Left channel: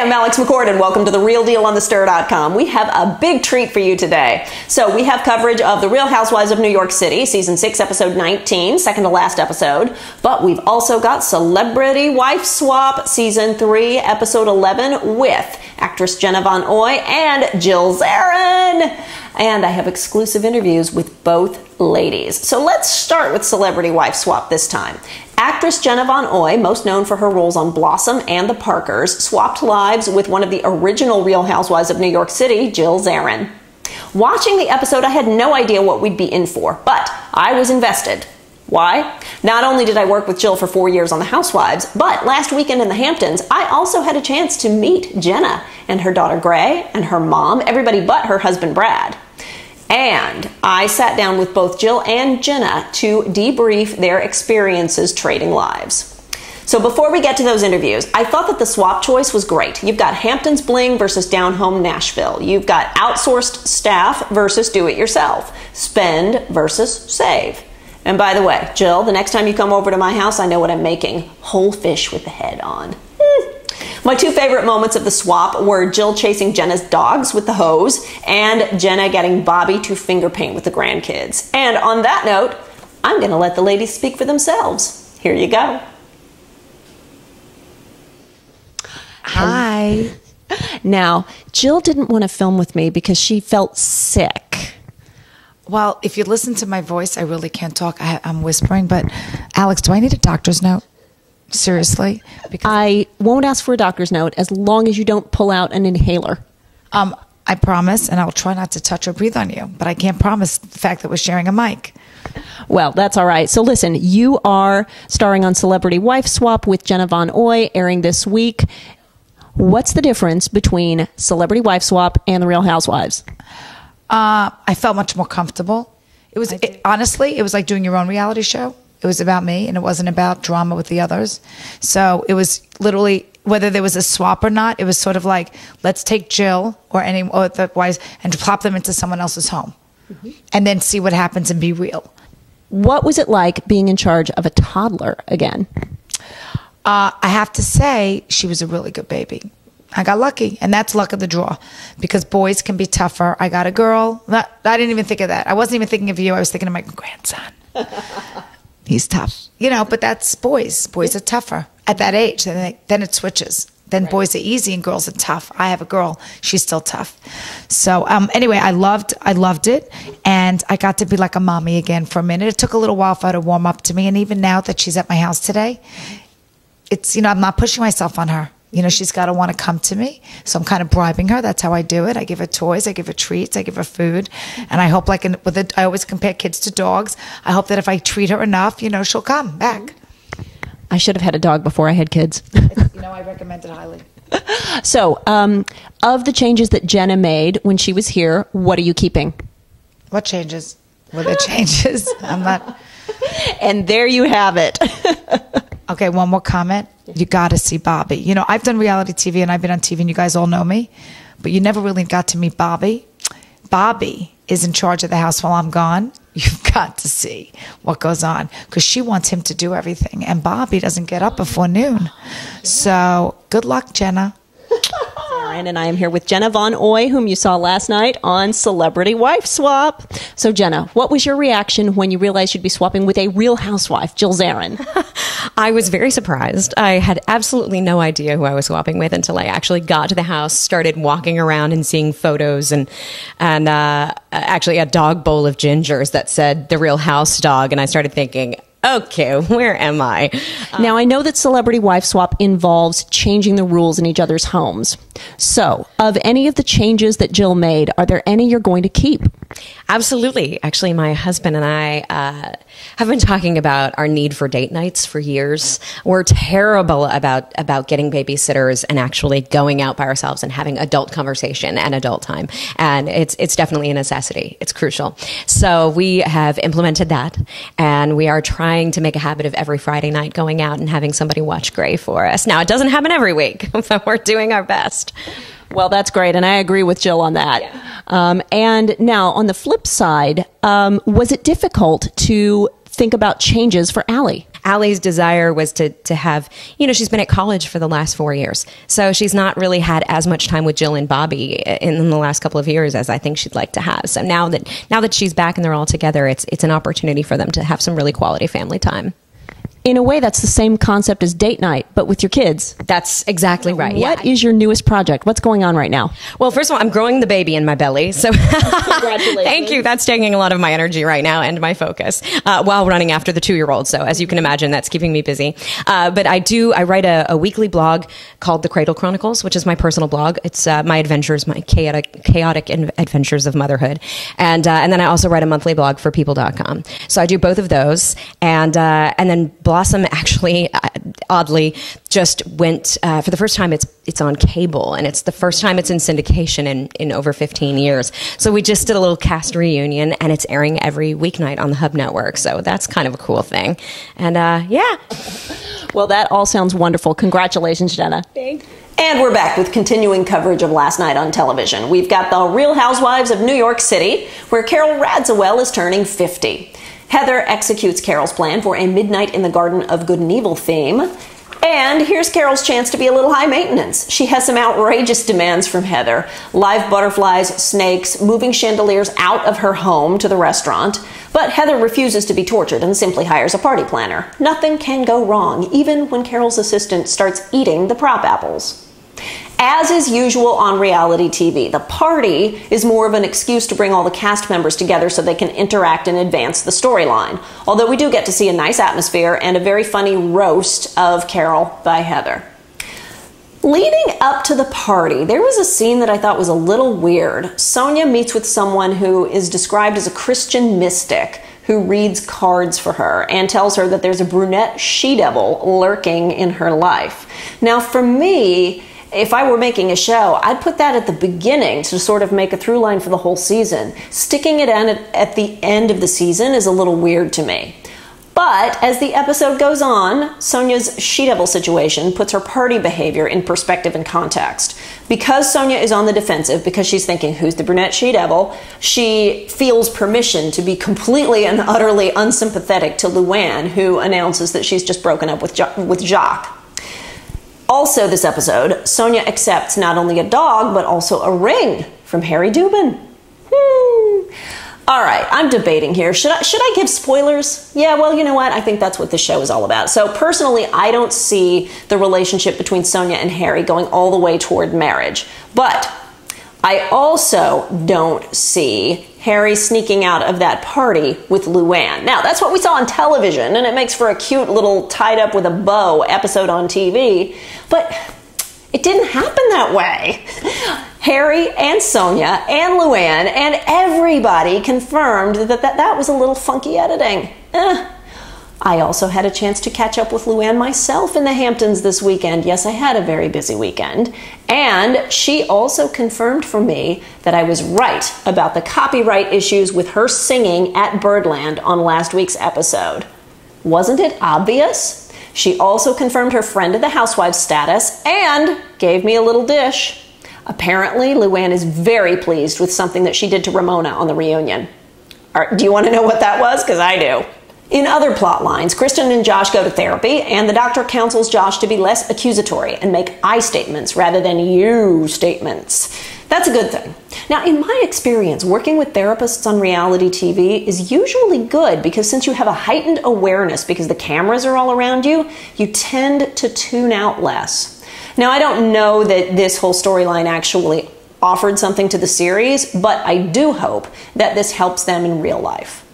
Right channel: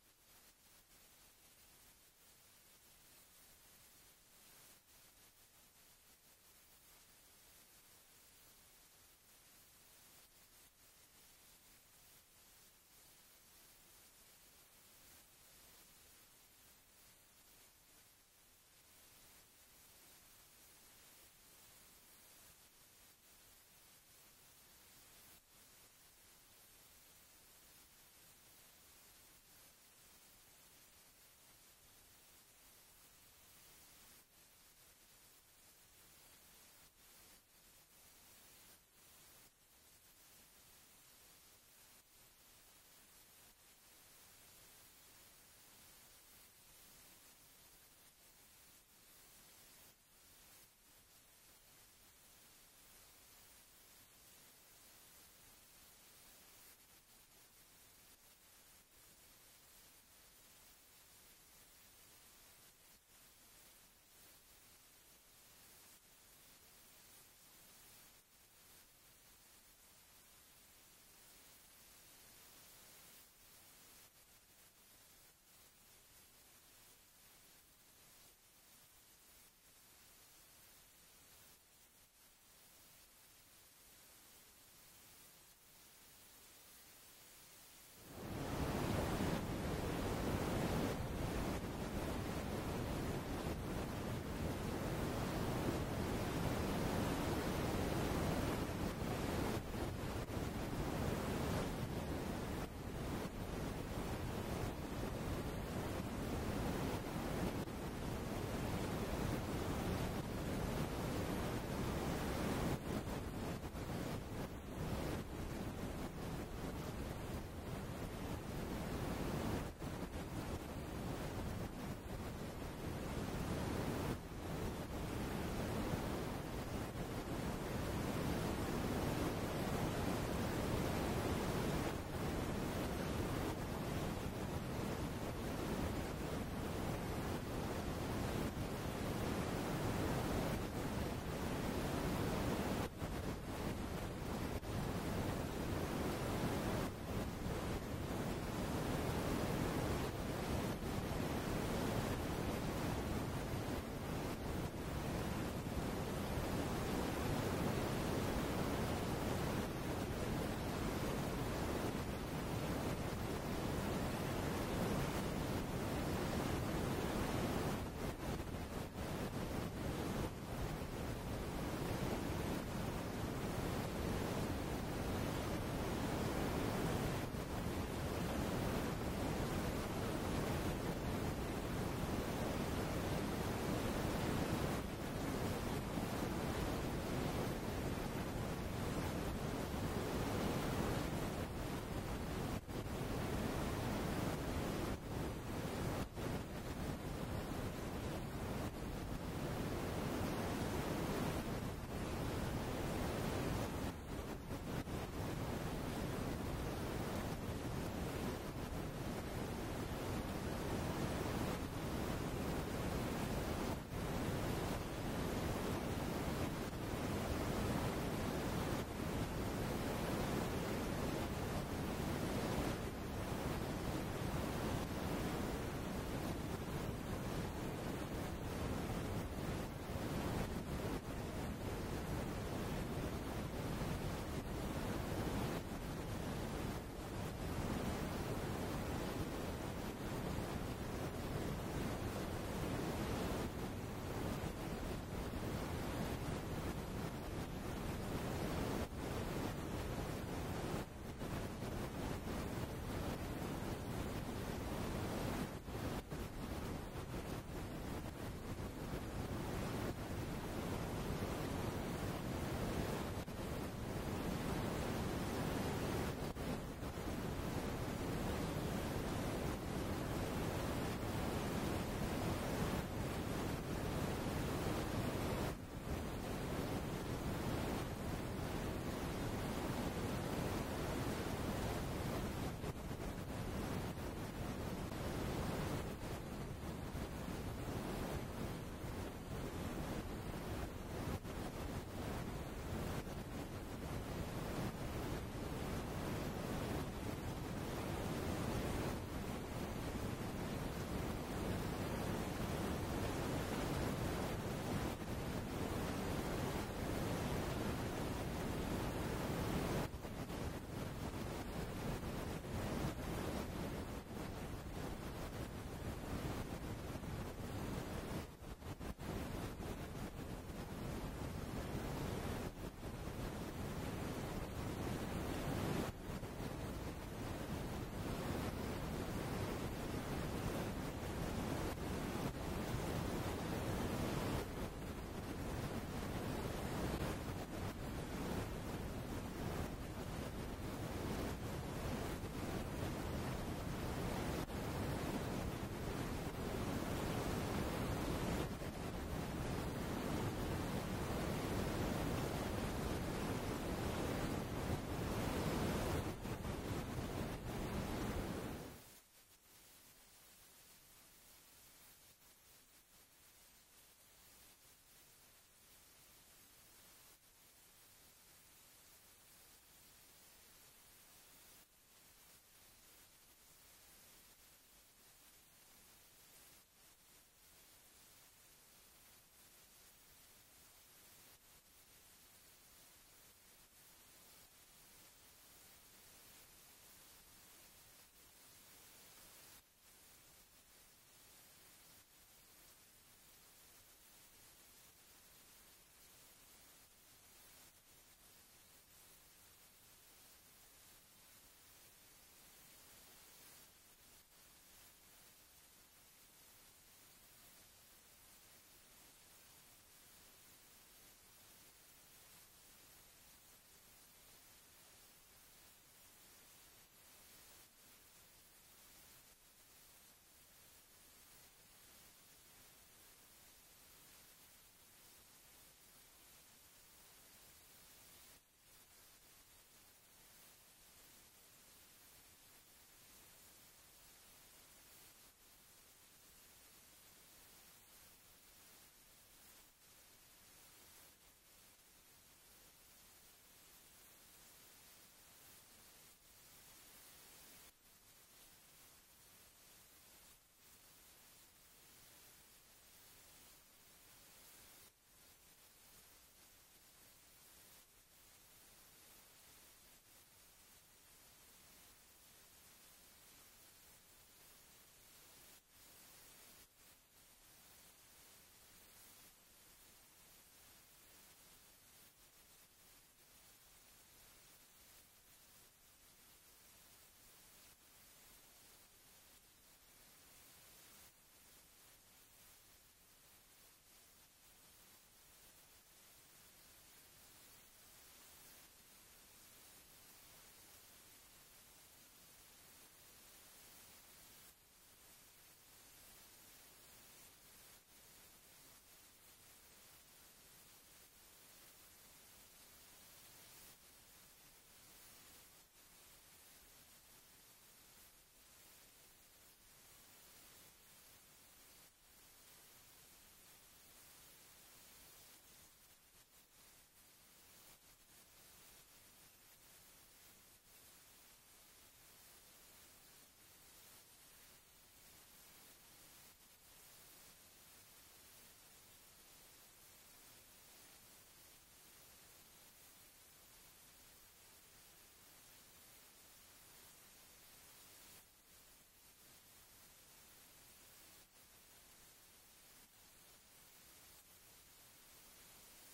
I'm Alex McCord, and welcome to The Real Deal on TheStir.com. We have a big treat for you today. So we have coverage of The Real Housewives of New York City, Season 6, Episode 19, second to last episode. But we've also got Celebrity Wife Swap, Season 3, Episode 11, with actress Jenna Von Oy and Jill Zarin. And I have exclusive interviews with both ladies. So let's start with Celebrity Wife Swap this time. Actress Jenna Von Oy, most known for her roles on Blossom and The Parkers, swapped lives with one of the original Real Housewives of New York City, Jill Zarin. Watching the episode, I had no idea what we'd be in for, but I was invested. Why? Not only did I work with Jill for 4 years on The Housewives, but last weekend in the Hamptons, I also had a chance to meet Jenna and her daughter Gray and her mom, everybody but her husband Brad. And I sat down with both Jill and Jenna to debrief their experiences trading lives. So before we get to those interviews, I thought that the swap choice was great. You've got Hamptons Bling versus Down Home Nashville. You've got outsourced staff versus do-it-yourself. Spend versus save. And by the way, Jill, the next time you come over to my house, I know what I'm making. Whole fish with the head on. My two favorite moments of the swap were Jill chasing Jenna's dogs with the hose and Jenna getting Bobby to finger paint with the grandkids. And on that note, I'm going to let the ladies speak for themselves. Here you go. Hi. Now, Jill didn't want to film with me because she felt sick. Well, if you listen to my voice, I really can't talk. I'm whispering, but Alex, do I need a doctor's note? Seriously? Because I won't ask for a doctor's note as long as you don't pull out an inhaler. I promise, and I'll try not to touch or breathe on you, but I can't promise the fact that we're sharing a mic. Well, that's all right. So listen, you are starring on Celebrity Wife Swap with Jenna Von Oy, airing this week. What's the difference between Celebrity Wife Swap and The Real Housewives? I felt much more comfortable. Honestly, it was like doing your own reality show. It was about me, and it wasn't about drama with the others. So it was literally, whether there was a swap or not, it was sort of like, let's take Jill or the wives and plop them into someone else's home, and then see what happens and be real. What was it like being in charge of a toddler again? I have to say, she was a really good baby. I got lucky, and that's luck of the draw, because boys can be tougher. I got a girl. I didn't even think of that. I wasn't even thinking of you. I was thinking of my grandson. He's tough. You know, but that's boys. Boys are tougher at that age. Then it switches. Then boys are easy and girls are tough. I have a girl. She's still tough. So anyway, I loved it. And I got to be like a mommy again for a minute. It took a little while for her to warm up to me. And even now that she's at my house today, it's, I'm not pushing myself on her. She's got to want to come to me. So I'm kind of bribing her. That's how I do it. I give her toys. I give her treats. I give her food. And I hope, I always compare kids to dogs. I hope that if I treat her enough, she'll come back. I should have had a dog before I had kids. I recommend it highly. So, of the changes that Jenna made when she was here, what are you keeping? What changes? Were there changes? I'm not. And there you have it. Okay, one more comment. You got to see Bobby. I've done reality TV and I've been on TV and you guys all know me, but you never really got to meet Bobby. Bobby is in charge of the house while I'm gone. You've got to see what goes on because she wants him to do everything and Bobby doesn't get up before noon. So good luck, Jenna. And I am here with Jenna Von Oy, whom you saw last night on Celebrity Wife Swap. So, Jenna, what was your reaction when you realized you'd be swapping with a real housewife, Jill Zarin? I was very surprised. I had absolutely no idea who I was swapping with until I actually got to the house, started walking around and seeing photos, and actually a dog bowl of gingers that said The Real House Dog, and I started thinking, okay, where am I? Now, I know that Celebrity Wife Swap involves changing the rules in each other's homes. So, of any of the changes that Jill made, are there any you're going to keep? Absolutely. Actually, my husband and I have been talking about our need for date nights for years. We're terrible about getting babysitters and actually going out by ourselves and having adult conversation and adult time. And it's definitely a necessity. It's crucial. So we have implemented that, and we are trying to make a habit of every Friday night going out and having somebody watch Grey for us. Now, it doesn't happen every week, but we're doing our best. Well, that's great, and I agree with Jill on that. Yeah. And now, on the flip side, was it difficult to think about changes for Allie? Allie's desire was to have, she's been at college for the last 4 years. So she's not really had as much time with Jill and Bobby in the last couple of years as I think she'd like to have. So now that she's back and they're all together, it's an opportunity for them to have some really quality family time. In a way, that's the same concept as date night, but with your kids. That's exactly right. What is your newest project? What's going on right now? Well, first of all, I'm growing the baby in my belly. So Congratulations. Thank you. That's taking a lot of my energy right now and my focus while running after the 2-year-old. So as you can imagine, that's keeping me busy. But I write a weekly blog called The Cradle Chronicles, which is my personal blog. It's my adventures, my chaotic adventures of motherhood. And then I also write a monthly blog for people.com. So I do both of those. And then Blossom actually, oddly, just went for the first time. It's on cable, and it's the first time it's in syndication in over 15 years. So we just did a little cast reunion, and it's airing every weeknight on the Hub Network. So that's kind of a cool thing. And yeah. Well, that all sounds wonderful. Congratulations, Jenna. Thanks. And we're back with continuing coverage of last night on television. We've got the Real Housewives of New York City, where Carol Radziwill is turning 50. Heather executes Carol's plan for a Midnight in the Garden of Good and Evil theme. And here's Carol's chance to be a little high maintenance. She has some outrageous demands from Heather. Live butterflies, snakes, moving chandeliers out of her home to the restaurant. But Heather refuses to be tortured and simply hires a party planner. Nothing can go wrong, even when Carol's assistant starts eating the prop apples. As is usual on reality TV, the party is more of an excuse to bring all the cast members together so they can interact and advance the storyline. Although we do get to see a nice atmosphere and a very funny roast of Carol by Heather. Leading up to the party, there was a scene that I thought was a little weird. Sonia meets with someone who is described as a Christian mystic who reads cards for her and tells her that there's a brunette she-devil lurking in her life. Now, for me, if I were making a show, I'd put that at the beginning to sort of make a through line for the whole season. Sticking it in at the end of the season is a little weird to me. But as the episode goes on, Sonia's she-devil situation puts her party behavior in perspective and context. Because Sonia is on the defensive, because she's thinking, who's the brunette she-devil, she feels permission to be completely and utterly unsympathetic to Luann, who announces that she's just broken up with Jacques. Also this episode, Sonia accepts not only a dog, but also a ring from Harry Dubin. All right, I'm debating here. Should I give spoilers? Yeah, well, you know what? I think that's what this show is all about. So personally, I don't see the relationship between Sonia and Harry going all the way toward marriage. But I also don't see Harry sneaking out of that party with Luann. Now, that's what we saw on television, and it makes for a cute little tied up with a bow episode on TV. But it didn't happen that way. Harry and Sonia and Luann and everybody confirmed that was a little funky editing. I also had a chance to catch up with Luann myself in the Hamptons this weekend. Yes, I had a very busy weekend. And she also confirmed for me that I was right about the copyright issues with her singing at Birdland on last week's episode. Wasn't it obvious? She also confirmed her friend of the Housewives status and gave me a little dish. Apparently, Luann is very pleased with something that she did to Ramona on the reunion. Do you want to know what that was? Because I do. In other plot lines, Kristen and Josh go to therapy, and the doctor counsels Josh to be less accusatory and make I statements rather than you statements. That's a good thing. Now, in my experience, working with therapists on reality TV is usually good because since you have a heightened awareness because the cameras are all around you, you tend to tune out less. Now, I don't know that this whole storyline actually offered something to the series, but I do hope that this helps them in real life.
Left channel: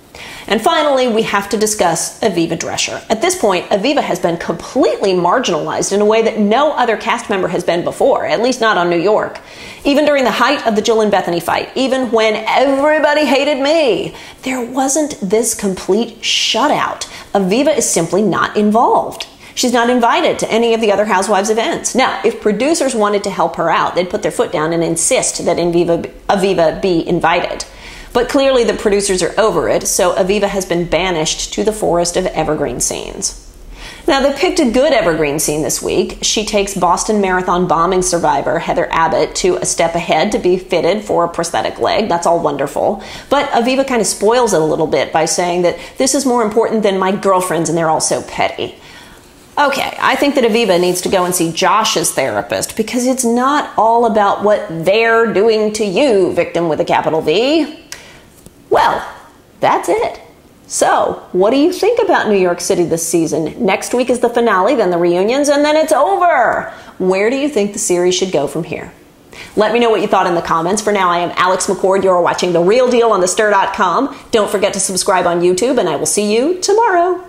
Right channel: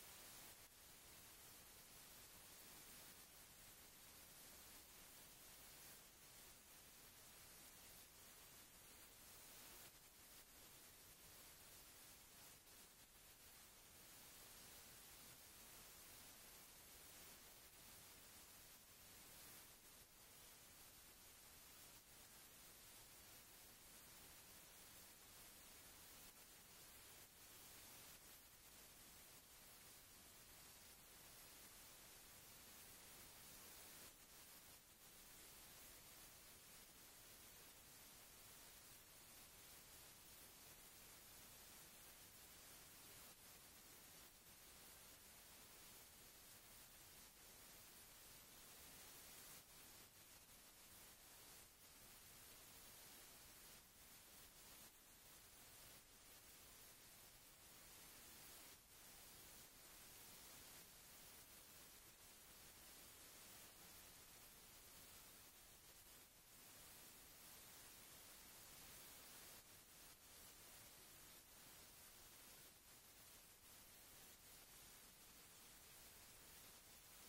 And finally, we have to discuss Aviva Drescher. At this point, Aviva has been completely marginalized in a way that no other cast member has been before, at least not on New York. Even during the height of the Jill and Bethany fight, even when everybody hated me, there wasn't this complete shutout. Aviva is simply not involved. She's not invited to any of the other Housewives events. Now, if producers wanted to help her out, they'd put their foot down and insist that Aviva be invited. But clearly the producers are over it, so Aviva has been banished to the forest of evergreen scenes. Now, they picked a good evergreen scene this week. She takes Boston Marathon bombing survivor Heather Abbott to a step ahead to be fitted for a prosthetic leg. That's all wonderful. But Aviva kind of spoils it a little bit by saying that this is more important than my girlfriends and they're all so petty. Okay, I think that Aviva needs to go and see Josh's therapist because it's not all about what they're doing to you, victim with a capital V. Well, that's it. So, what do you think about New York City this season? Next week is the finale, then the reunions, and then it's over. Where do you think the series should go from here? Let me know what you thought in the comments. For now, I am Alex McCord. You're watching The Real Deal on thestir.com. Don't forget to subscribe on YouTube, and I will see you tomorrow.